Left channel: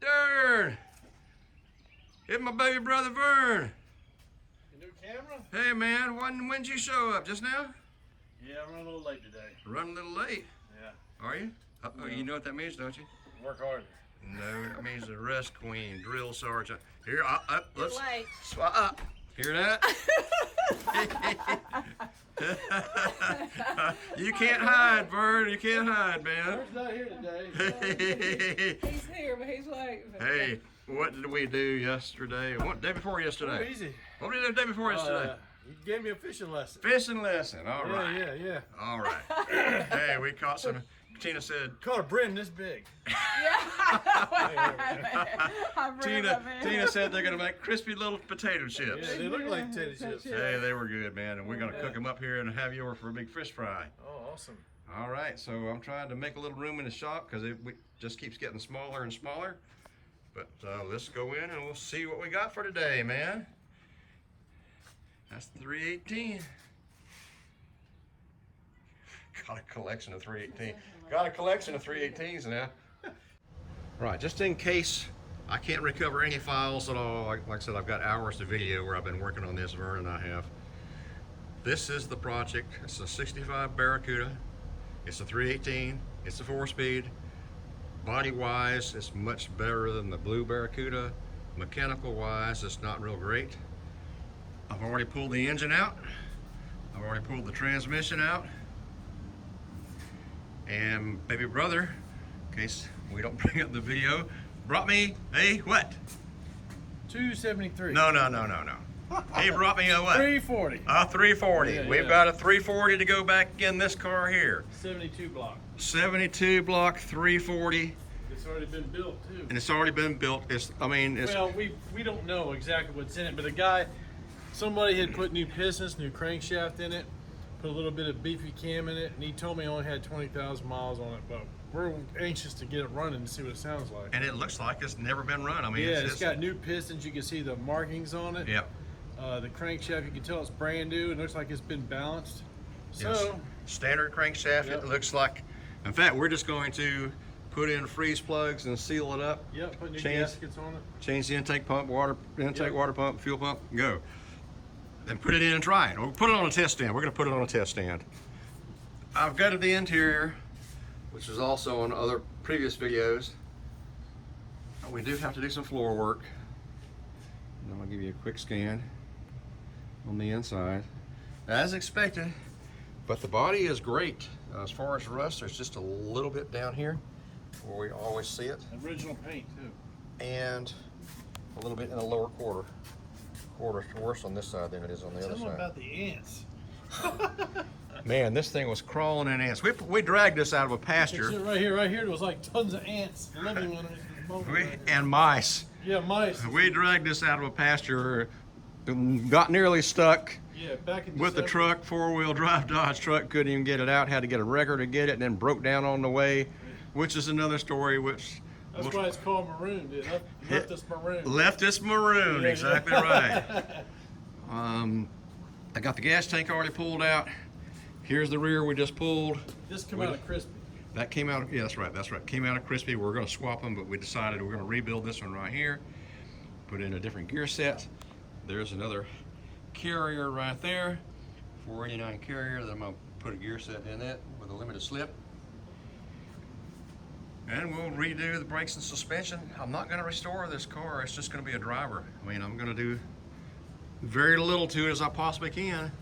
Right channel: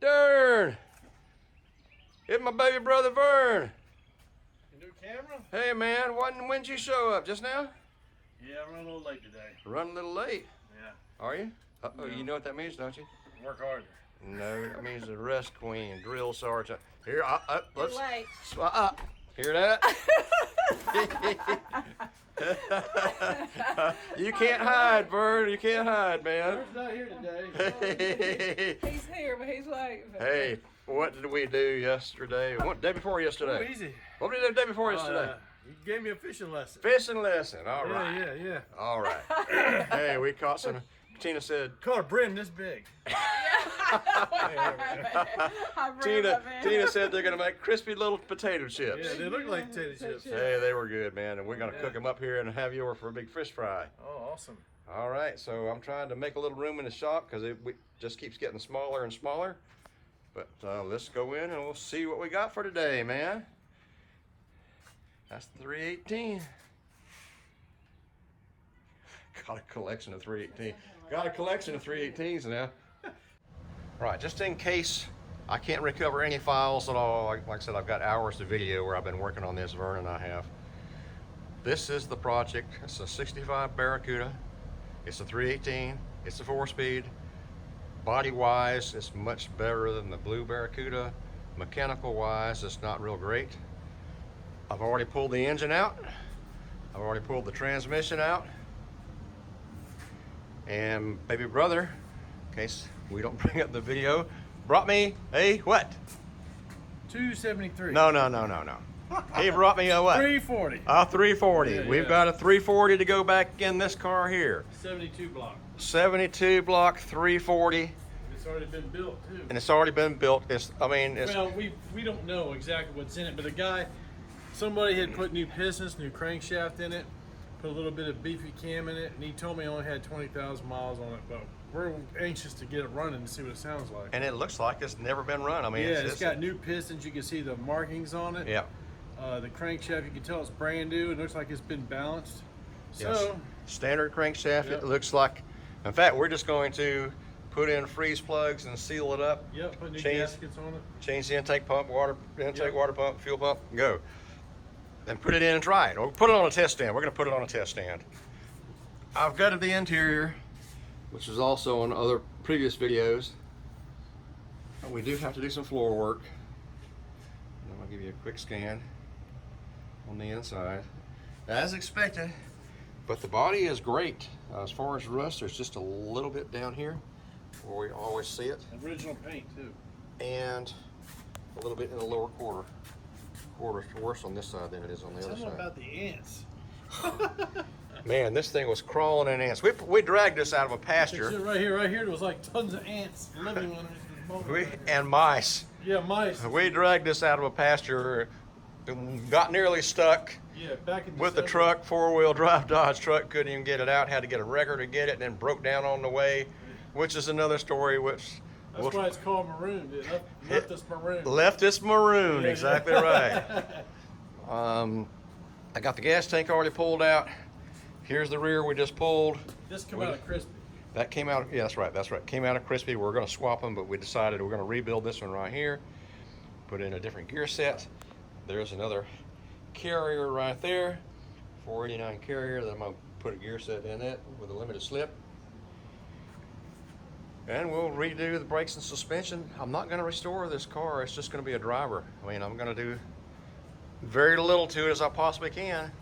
Darn! It's my baby brother Vern. Your new camera? Hey man, when'd you show up? Just now? Yeah, I ran a little late today. Running a little late. Yeah. Are you? Uh-oh, Yeah. You know what that means, don't you? Work harder. No, it means arrest queen, drill sergeant. Here, let's. Wait. Hear that? You can't hide, Vern. You can't hide, man. Vern's not here today. He's here, but he's waiting. Hey, what did we do yesterday? What day before yesterday? Oh, easy. What did we do the day before yesterday? You gave me a fishing lesson. Fishing lesson. All Yeah, right. yeah. All right. Hey, we caught some. Tina said. Caught a brim this big. Tina said they're gonna make crispy little potato chips. Yeah, they look like potato chips. Hey, they were good, man, and we're gonna cook them up here and have you over for a big fish fry. Oh, awesome. All right, so I'm trying to make a little room in the shop because it just keeps getting smaller and smaller. But let's go in and we'll see what we got for today, man. That's the 318. Got a collection of 318. Got a collection of 318s now. Right, just in case I can't recover any files at all, like I said, I've got hours of video where I've been working on this, Vern and I have. This is the project. It's a 65 Barracuda. It's a 318. It's a 4-speed. Body-wise, it's much better than the blue Barracuda. Mechanical-wise, it's not real great. I've already pulled the engine out. I've already pulled the transmission out. And baby brother, in case we don't bring up the video, brought me a what? 273. No. He brought me a what? 340. A 340. Yeah, We've got a 340 to go back in this car here. 72 block. 72 block 340. It's already been built too. And it's already been built. It's Well, we don't know exactly what's in it, but somebody had put new pistons, new crankshaft in it, put a little bit of beefy cam in it, and he told me it only had 20,000 miles on it, but we're anxious to get it running to see what it sounds like. and it looks like it's never been run. I mean, Yeah, it's got new pistons. You can see the markings on it. Yeah. The crankshaft, you can tell it's brand new. It looks like it's been balanced. So, Yes. Standard crankshaft. Yep. It looks like. In fact, we're just going to put in freeze plugs and seal it up. yep, put new Change- gaskets on it. Change the intake pump, Yep. water pump, fuel pump, go. Then put it in and try it. Or put it on a test stand. We're gonna put it on a test stand. I've gutted the interior, which is also on other previous videos. We do have to do some floor work. And I'll give you a quick scan on the inside. As expected, but the body is great. As far as rust, there's just a little bit down here where we always see it. Original paint too. And a little bit in the lower quarter. Quarter's worse on this side than it is on the other Tell me side. about the ants. Man, this thing was crawling in ants. We dragged this out of a pasture. Right here, there was like tons of ants living on it. And mice. Yeah, mice. We dragged this out of a pasture, got nearly stuck Yeah, back in with the December. truck, 4-wheel drive Dodge truck, couldn't even get it out, had to get a wrecker to get it, and then broke down on the way, which is another story, which That's why it's called maroon. Dude. Left us maroon. left us maroon, Yeah. exactly right. I got the gas tank already pulled out. Here's the rear we just pulled. This come out of crispy. That came out, yeah, that's right. Came out of crispy. We're gonna swap them, but we decided we're gonna rebuild this one right here. Put in a different gear set. There's another carrier right there. 489 carrier that I'm gonna put a gear set in it with a limited slip. And we'll redo the brakes and suspension. I'm not gonna restore this car. It's just gonna be a driver. I mean, I'm gonna do very little to it as I possibly can,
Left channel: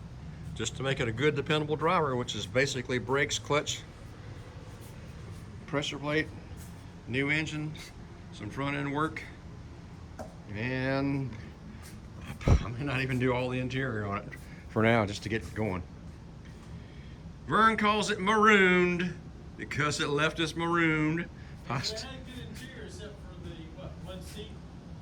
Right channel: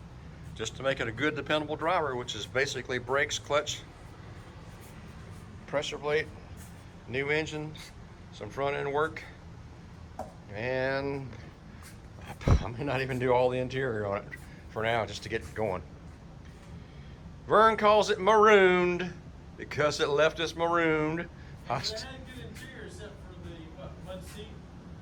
just to make it a good, dependable driver, which is basically brakes, clutch, pressure plate, new engine, some front end work, and I may not even do all the interior on it for now, just to get it going. Vern calls it marooned because it left us marooned. It had a good interior except for the one seat.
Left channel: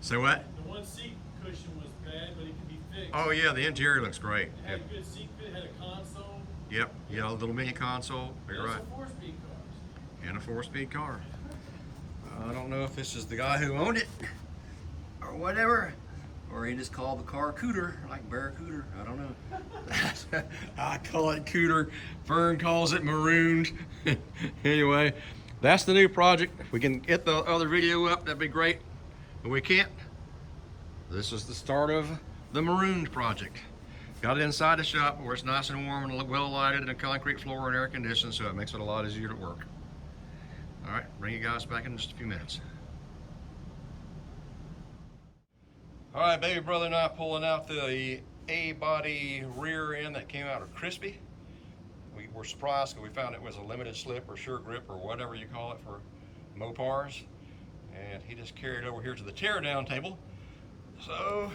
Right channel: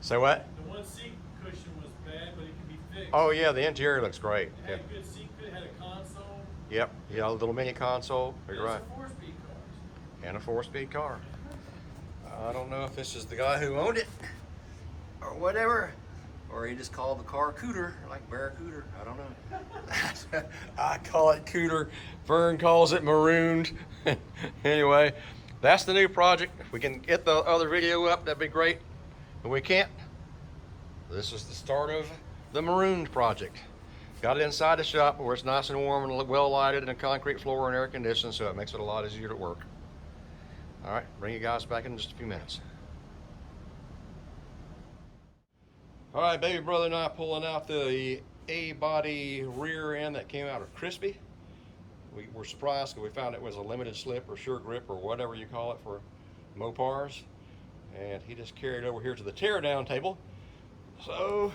Say what? The one seat cushion was bad, but it could be fixed. Oh yeah, the interior looks great. It had a good seat, it had a console. Yep, yeah, a little mini console. You're Those right. are 4-speed cars. And a 4-speed car. I don't know if this is the guy who owned it or whatever, or he just called the car Cooter, like Barracuda. I don't know. I call it Cooter. Vern calls it marooned. Anyway, that's the new project. If we can get the other video up, that'd be great. If we can't, this is the start of the marooned project. Got it inside the shop where it's nice and warm and well lighted and a concrete floor and air conditioned, so it makes it a lot easier to work. All right, bring you guys back in just a few minutes. All right, baby brother and I pulling out the A-body rear end that came out of Crispy. We were surprised because we found it was a limited slip or sure grip or whatever you call it for Mopars. And he just carried it over here to the teardown table. So,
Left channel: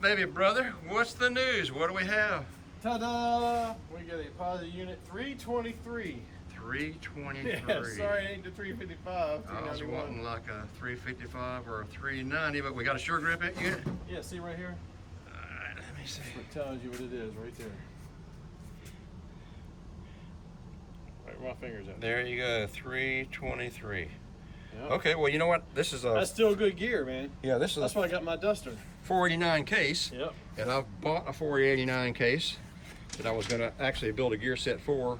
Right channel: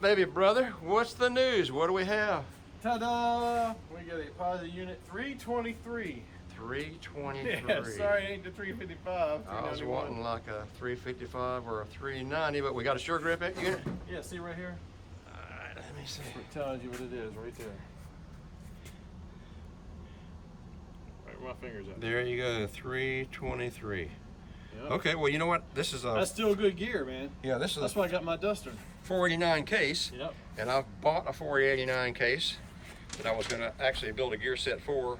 baby brother, what's the news? What do we have? Ta-da! We got a Posi unit 323. 323. Yeah, sorry it ain't the 355. I was wanting like a 355 or a 390, but we got a sure grip unit. Yeah, see right here? Alright, let me see. It tells you what it is right there. Right where my fingers are. There you go, 323. Yeah. Okay, well, you know what? This is a... That's still good gear, man. Yeah, this is That's why I got my Duster. 489 case. Yep. And I've bought a 489 case that I was going to actually build a gear set for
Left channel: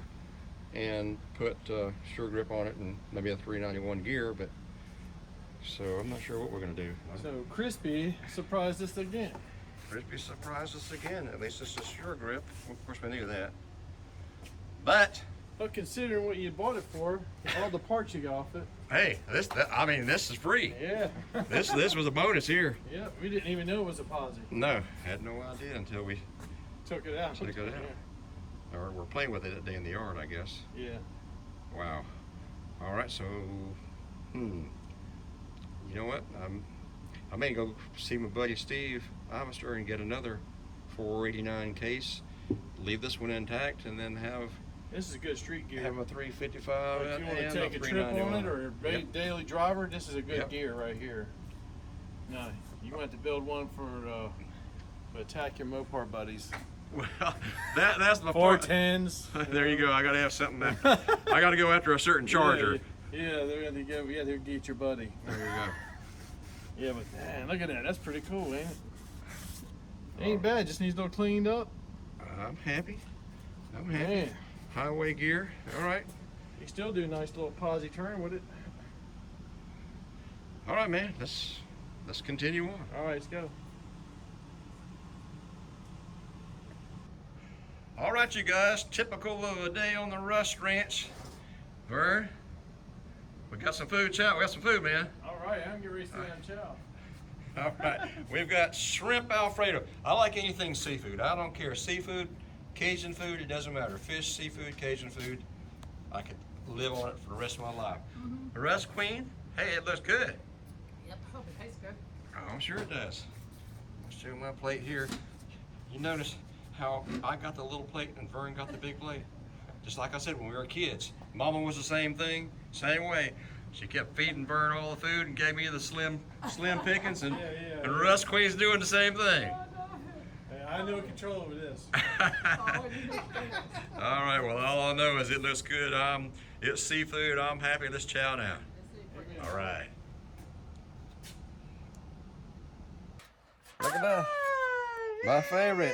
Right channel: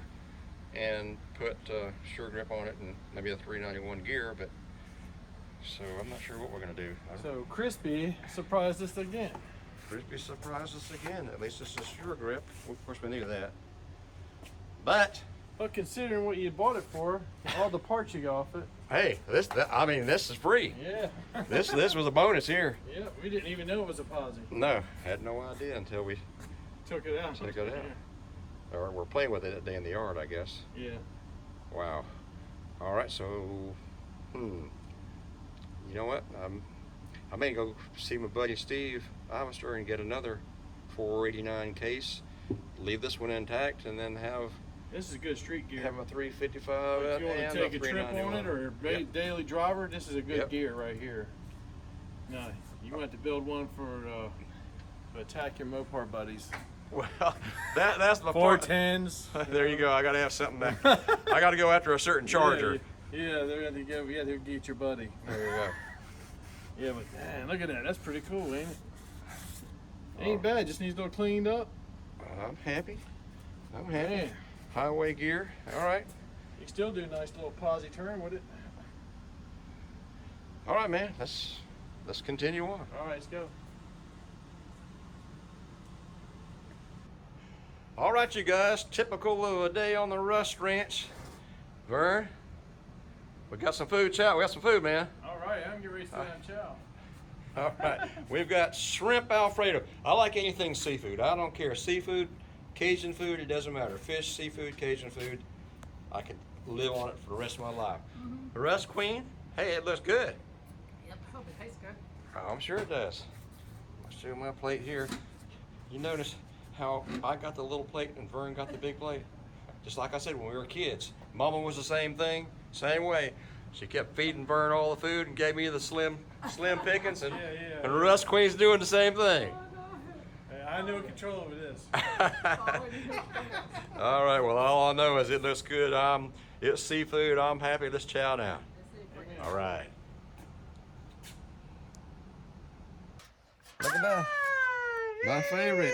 and put sure grip on it and maybe a 391 gear, but so I'm not sure what we're going to do. So Crispy surprised us again. Crispy surprised us again. At least this is sure grip. Of course, we needed that. But considering what you bought it for, all the parts you got off it. hey, I mean, this is free. Yeah. This was a bonus here. Yeah, we didn't even know it was a Posi. No, had no idea until we Took it out. took it out. Or we're playing with it that day in the yard, I guess. Yeah. Wow. All right, so, you know what? I may go see my buddy Steve Ivester and get another 489 case, leave this one intact, and then have This is a good street gear. a 355 If you want and to take a a trip on 391. it or Yep. daily driver, this is a good Yep. gear right here. Now, you want to build one for to attack your Mopar buddies. Well, that's the part. 410s. There you go. I got to have something that I got to go after a certain charger. Yeah, they're going to go. Yeah, they'll get your buddy. There you go. Yeah, but man, look at that. That's pretty cool, ain't it? Ain't bad. Just needs to be cleaned up. I'm happy. I'm happy. Man, Highway gear. All right. you still do a nice little Posi turn with it. All right, man. Let's continue on. All right, let's go. All right, you guys. Typical of a day on the Rust Ranch. Vern, we got some food, chow. We got some food, man. All right, I'm getting ready to sit down chow. All right. We've got shrimp Alfredo. I like anything seafood. I don't care. Seafood, Cajun food, it doesn't matter. Fish, seafood, Cajun food. I could live on it for the rest of my life. The rest, Queen? Hey, it looks good. Yep, hope it tastes good. Oh, I'm sure it does. Let's do my plate here. You notice how I got the little plate and Vern got the big plate? Just like I said when we were kids. Mama was the same thing, same way. She kept feeding Vern all the food and gave me the slim pickings, and and Russ Queen's doing the same thing. I know control over this. All right, well, all I know is it looks good. It's seafood. I'm happy. Let's chow now. All right. Look at that. My favorite.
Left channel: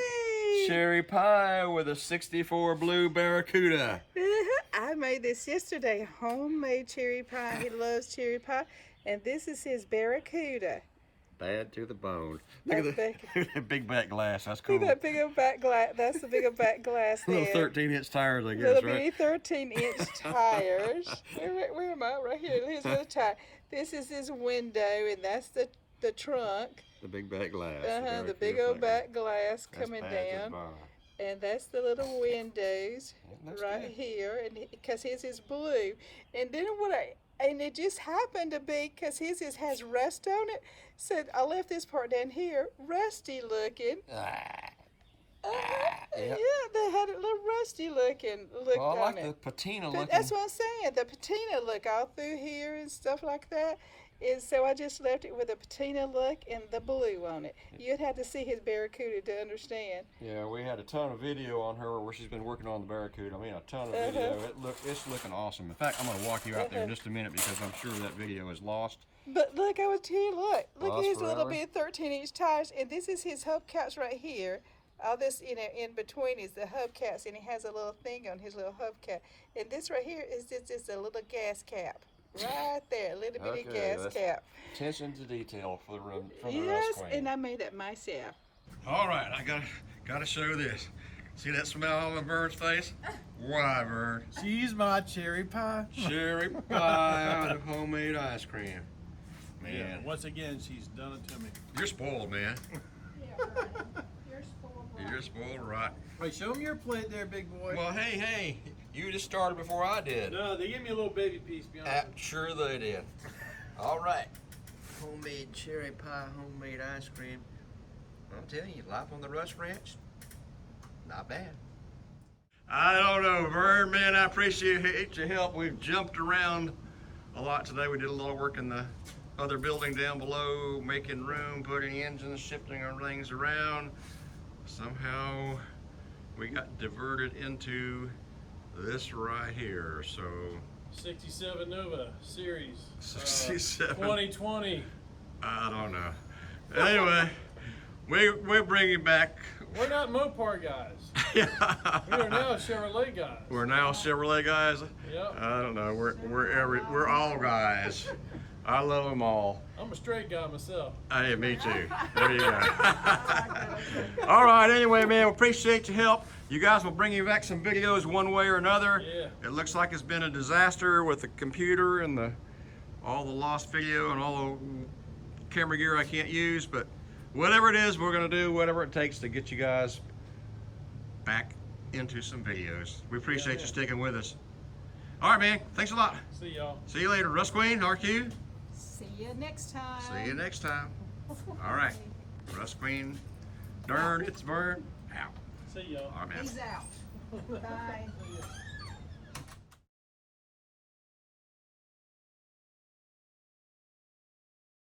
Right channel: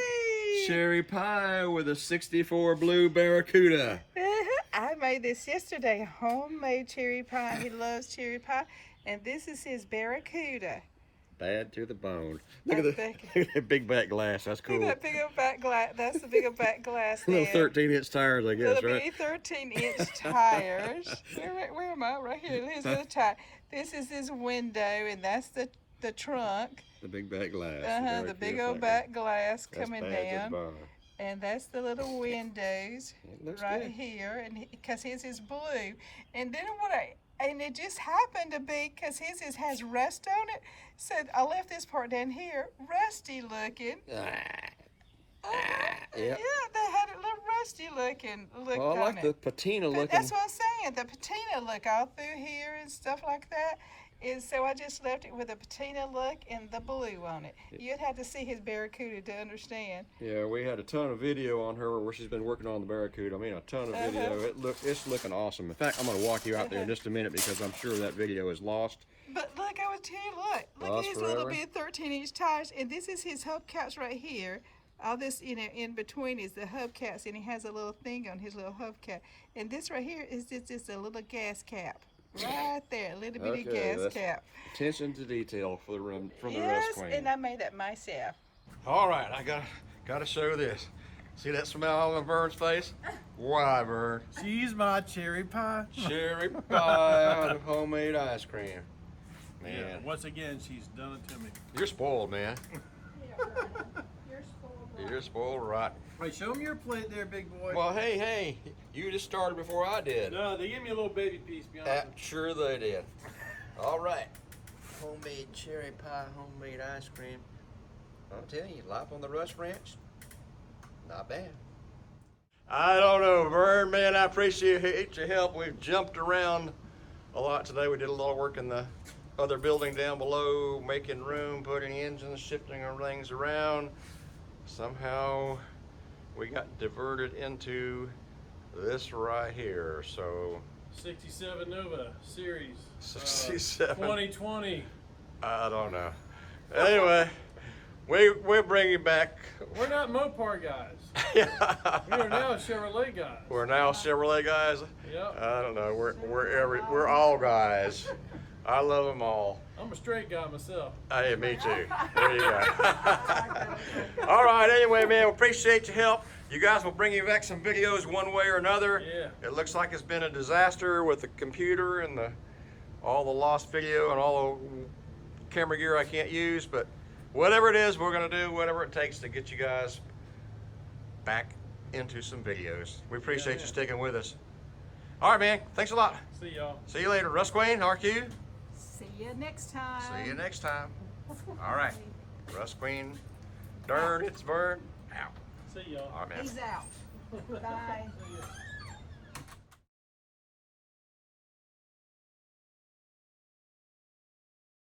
Cherry pie with a 64 blue Barracuda. I made this yesterday, homemade cherry pie. He loves cherry pie. And this is his Barracuda. Bad to the bone. Look at the big back glass. That's cool. See that big old back glass? That's the big old back glass there. Little 13-inch tires, I guess, Little right? bitty 13-inch tires. Where am I? Right here. Here's the tire. This is his window, and that's the trunk. The big back glass. The big old back glass coming That's bad to the down. bone. And that's the little windows It looks right good. here, and because his is blue. And then and it just happened to be because his has rust on it. So I left this part down here, rusty looking. Yep. Yeah, they had it a little rusty looking look Well, I on like it. the patina But looking. that's what I'm saying. The patina look all through here and stuff like that. And so I just left it with a patina look and the blue on it. You'd have to see his Barracuda to understand. Yeah, we had a ton of video on her where she's been working on the Barracuda. I mean, a ton of video. It's looking awesome. In fact, I'm going to walk you out there in just a minute because I'm sure that video is lost. But look, I would tell you, look at Lost his little forever. bit 13-inch tires, and this is his hubcaps right here. All this, you know, in between is the hubcaps, and he has a little thing on his little hubcap. And this right here is just a little gas cap. Right there, a little bitty gas that's cap. Attention to detail for from the Yes, Rust Queen. and I made that myself. All right, I gotta show this. See that smile on Vern's face? Why, Vern? She's my cherry pie. Cherry pie out of homemade ice cream. Man, Yeah, once again, she's done it to me. you're spoiled, man. You're spoiled rotten. Hey, show me your plate there, big boy. Well, hey, you just started before I did. No, they gave me a little baby piece behind. Sure they did. All right. Homemade cherry pie, homemade ice cream. I'm telling you, life on the Rust Ranch, not bad. I don't know, Vern, man, I appreciate your help. We've jumped around a lot today. We did a lot of work in the other building down below, making room, putting engines, shifting our things around. Somehow we got diverted into this right here, so 67 Nova Series. 67. 2020. I don't know. Anyway, we're bringing back. We're not Mopar guys. We are now Chevrolet guys. We're now Chevrolet guys. Yep. I don't know. We're all guys. I love them all. I'm a straight guy myself. Hey, me too. There you go. All right. Anyway, man, we appreciate your help. You guys will bring you back some videos one way or another. Yeah. It looks like it's been a disaster with the computer and all the lost video and all the camera gear I can't use, but whatever it is, we're gonna do whatever it takes to get you guys back into some videos. We appreciate you sticking with us. All right, man. Thanks a lot. See y'all. See you later. Rust Queen, RQ. See you next time. See you next time. All right. Rust Queen, Dern, it's Vern, out. See y'all. All right, man. He's out. Bye. See ya.